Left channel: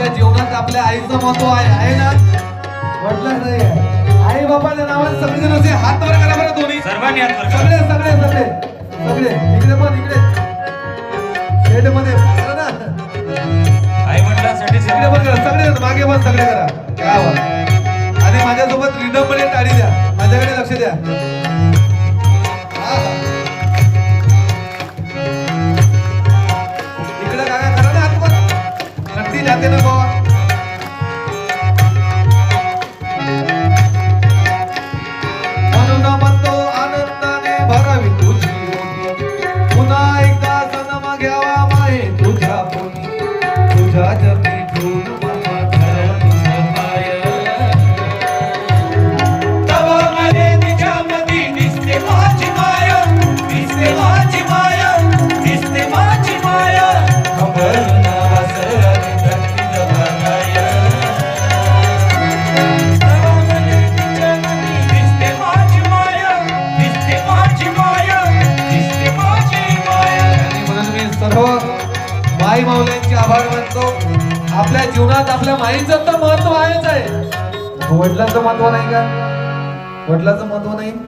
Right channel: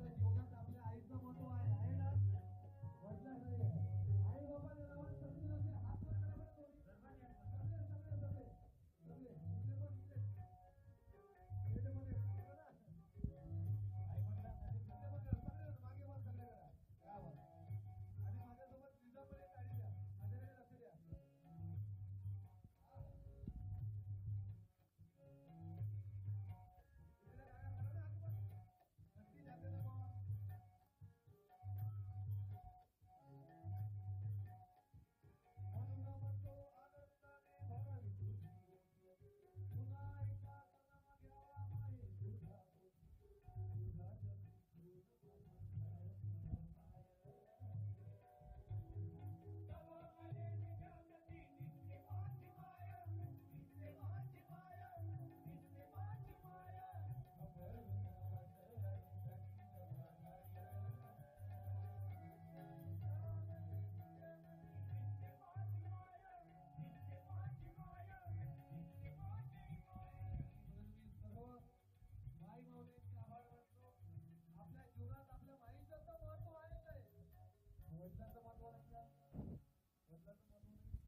आपल्या जीवनात आपल्या आईचं महत्व आहे ना? म्हटलं नाही आई बाबाच्या नावाने सगळेजण असे हात वर करा बरं दोन्ही सर्वांनी हात वर करा. सगळे सगळे सगळे सगळे इकडे पण इकडे शेड मध्ये करा ना आई वडिलांसाठी इकडे पण करा सगळे मागे पण सगळे करा काय आवाज आणि माझ्यासोबत रिदम मध्ये टाळी द्या माझ्याकडे लक्ष द्या इकडे काय करा ना हात वर नक्की जाते ना बाबा माई माऊल्यांचे आभार मानतो आपल्या जीवनात आपल्या माईचं तर महत्व आहेच आहे वडिलांचं महत्व नाही का वडिलांचं महत्व नाही